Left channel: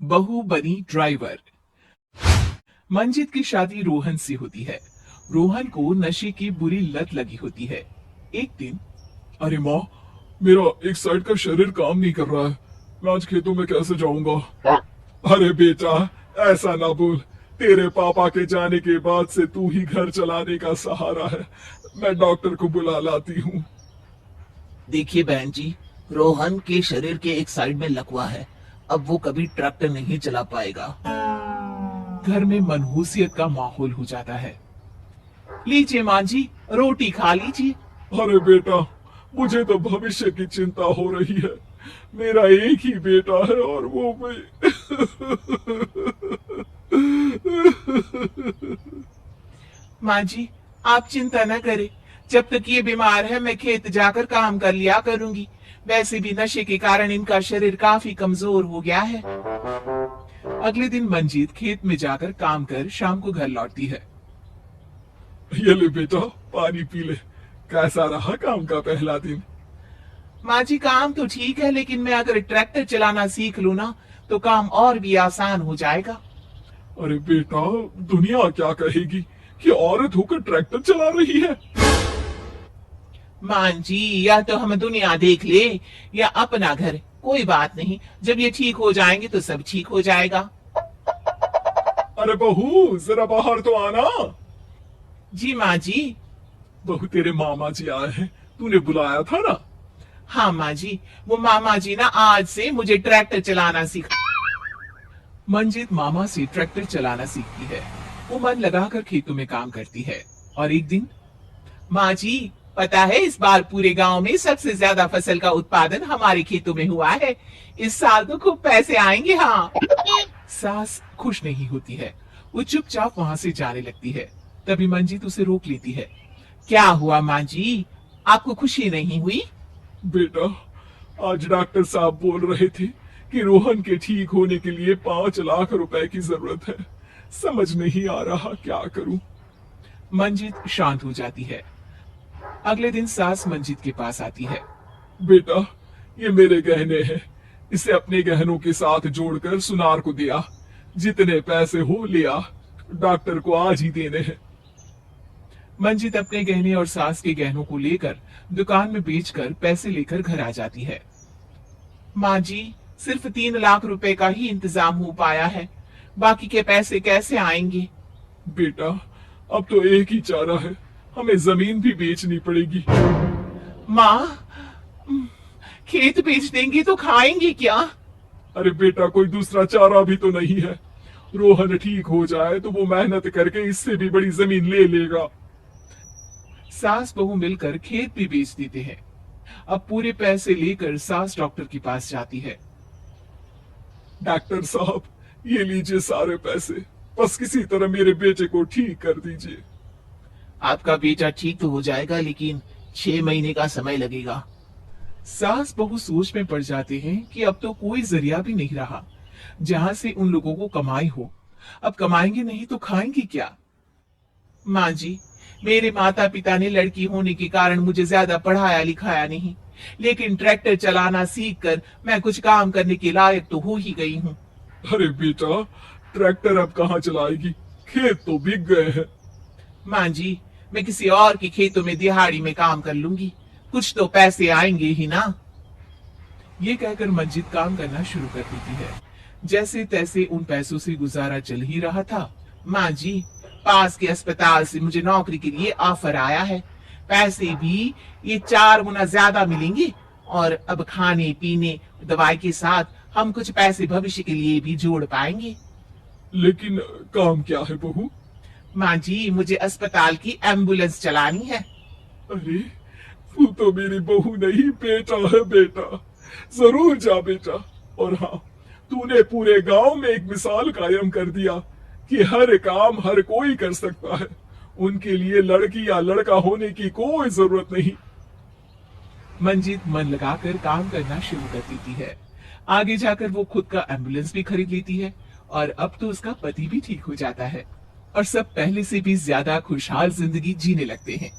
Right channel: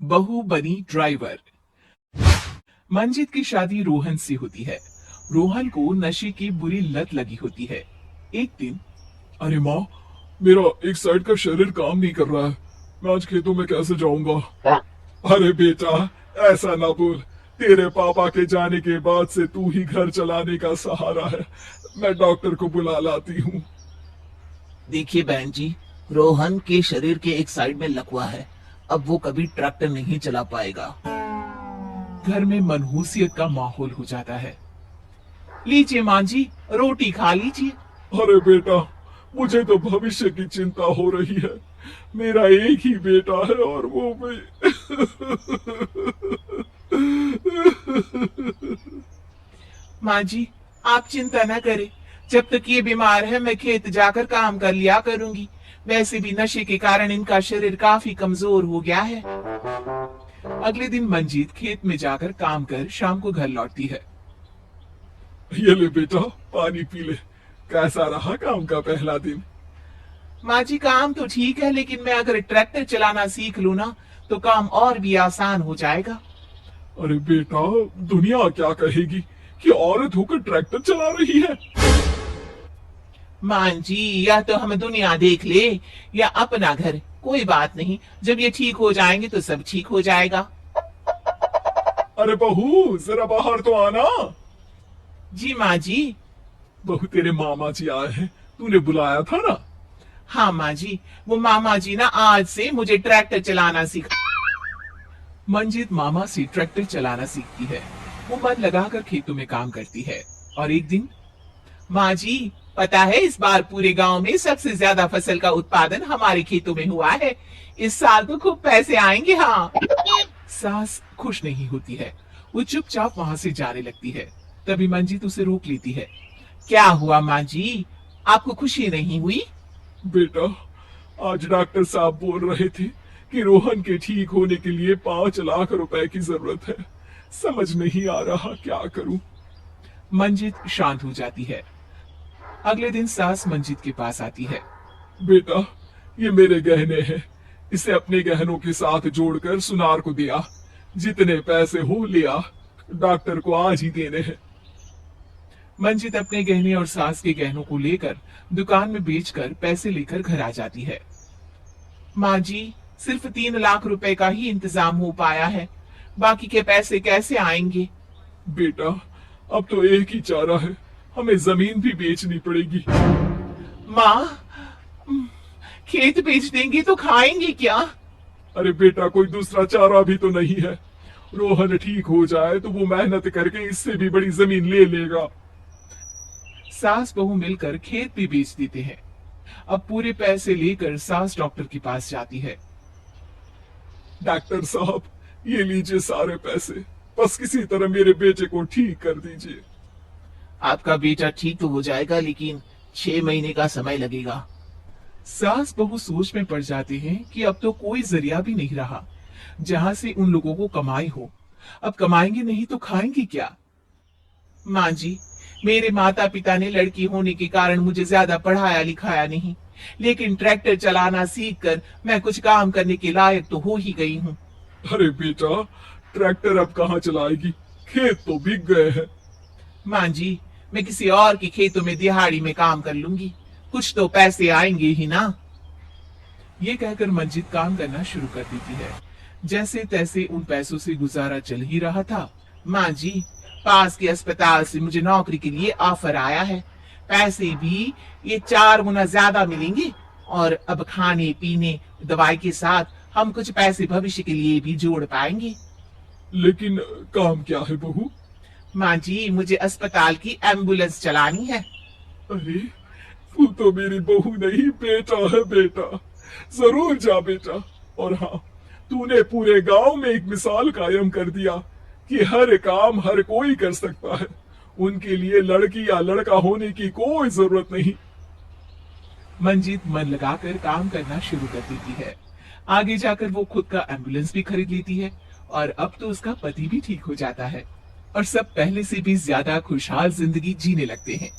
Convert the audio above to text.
बहू बनी ड्राइवर। मंजीत की शादी रोहन से होती है। रोहन को नशे की बुरी लत लगी होती है। एक दिन, अरे माँ, मेरा एक साइड का शरीर काम नहीं कर रहा है। मैं आज खेतों में कैसे जाऊंगा? अरे बेटा, ऐसा ना बोल। तेरे पापा के जाने के बाद से तू ही घर चलाने का सहारा है। मैं डॉक्टर को बुला लाती हूँ। देखिए बहन जी, रोहन के शरीर के एक साइड में लकवा है। अब वो कभी ट्रैक्टर नहीं चला पाएगा। घर में मनहूसियत का माहौल हो जाता है। लीजिए माँ जी, रोटी खा लीजिए। अरे बेटा, मुझे तो भविष्य की चिंता हो रही है। मेरा एक ही बेटा है और वो भी। माँ जी, आप चिंता न करें। जब तक ये बीमार है मैं खेत जाकर काम कर लिया करूंगी। वैसे भी नशे के कारण इनका शरीर काफी कमजोर हो गया है। अगले दिन मंजीत खेत में जाकर काम कर शाम को घर लौटती है। ये ले बेटा, पानी पी ले। कैसा रहा काम का पहला दिन? माँ जी, काम तो ठीक है, लेकिन मैं अगर ट्रैक्टर चलाना सीख लूँ ना तो काम और भी आसान हो जाएगा। अरे बेटा, दुनिया क्या कहेगी कि औरत होकर ट्रैक्टर चला रही है? माँ जी, या तो हम दुनिया देख ले या अपना घर। कोई बात नहीं, जब ये ठीक हो जाएंगे तो सब ठीक हो जाएगा। अरे बहू, जरा बाहर तो आना। जी माँ जी। बहू, तेरे मामा जी आए हैं। तूने बुलाया था ना? हाँ माँ जी, वो मामा जी ना आज से मुझे ट्रैक्टर चलाना सिखा। मंजीत मामा से ट्रैक्टर चलाना सीखती है। वो मन लगाकर खेतों में काम करती है। और एक दिन, माँ जी, पता है इस बार पूरे गांव में सबसे ज्यादा फसल का उत्पादन हमारे खेतों में हुआ है। इस साल तो खूब पैसे आएंगे। हाँ। सास खुश नहीं होती है। वो चुपचाप वहां से जाने लगती है। तभी मंजीत उसे रोक लेती है। क्या हुआ माँ जी, आपको खुशी नहीं हुई? बेटा, आज डॉक्टर साहब बोल रहे थे कि रोहन के ठीक होने के लिए 5 लाख रुपए की जरूरत है। समझ नहीं आ रहा क्या करूं। मंजीत शांत हो जाती है। अगले दिन सास मंजीत के पास आती है। बेटा, ये मेरे गहने हैं। इसे अपने गहनों के साथ जोड़कर सुनार को दिया। जितने पैसे हो लिया। डॉक्टर को आज ही देने हैं। मंजीत अपने गहने और सास के गहनों को लेकर दुकान में बेचकर पैसे लेकर घर आ जाती है। माँ जी, सिर्फ 3 लाख रुपए का ही इंतजाम हो पाया है। बाकी के पैसे कैसे आएंगे? बेटा, अब तो एक ही चारा है। हमें जमीन भी बेचनी पड़ेगी। माँ, खेत बेच देंगी तो खाएंगे क्या? अरे बेटा, कोई दूसरा चारा भी तो नहीं है। रोहन ठीक हो जाए तो वो मेहनत करके इससे भी बड़ी जमीन ले लेगा। सास बहू मिलकर खेत भी बेच देते हैं। अब पूरे पैसे लेकर सास डॉक्टर के पास जाती है। डॉक्टर साहब, ये लीजिए सारे पैसे। बस किसी तरह मेरे बेटे को ठीक कर दीजिए। आपका बेटा ठीक तो हो जाएगा, लेकिन 6 महीने का समय लगेगा। सास बहू सोच में पड़ जाते हैं कि अब तो कोई जरिया भी नहीं रहा जहां से उन लोगों को कमाई हो। अब कमाएंगे नहीं तो खाएंगे क्या? माँ जी, मेरे माता पिता ने लड़की होने के कारण मुझे ज्यादा पढ़ाया लिखाया नहीं, लेकिन ट्रैक्टर चलाना सीख कर मैं कुछ काम करने के लायक तो हो ही गई हूँ। अरे बेटा, ट्रैक्टर अब कहाँ चलाएगी? खेत तो बिक गए हैं। माँ जी, मैं किसी और के खेतों में दिहाड़ी में काम कर लूंगी। कुछ तो पैसे आएंगे ही ना। ये कहकर मंजीत काम करना शुरू कर देती है। जैसे तैसे उन पैसों से गुजारा चल ही रहा था। माँ जी, पास के अस्पताल से मुझे नौकरी के लिए ऑफर आया है। पैसे भी ये 4 गुना ज्यादा मिलेंगे और अब खाने पीने दवाई के साथ हम कुछ पैसे भविष्य के लिए भी जोड़ पाएंगे। लेकिन काम क्या है बहू? माँ जी, मुझे अस्पताल की एम्बुलेंस चलानी है। अरे, तू तो मेरी बहू नहीं, बेटा है बेटा। जरूर जा बेटा। और हाँ, तूने पूरे गांव में एक मिसाल कायम कर दिया कि हर काम हर कोई कर सकता है। उनके लिए लड़की या लड़का होने की कोई जरूरत नहीं। मंजीत मन लगाकर काम करना शुरू कर देती है। आगे जाकर वो खुद का एम्बुलेंस भी खरीद लेती है और अब तो उसका पति भी ठीक हो जाता है और सब पहले से भी ज्यादा खुशहाल जिंदगी जीने लगते हैं।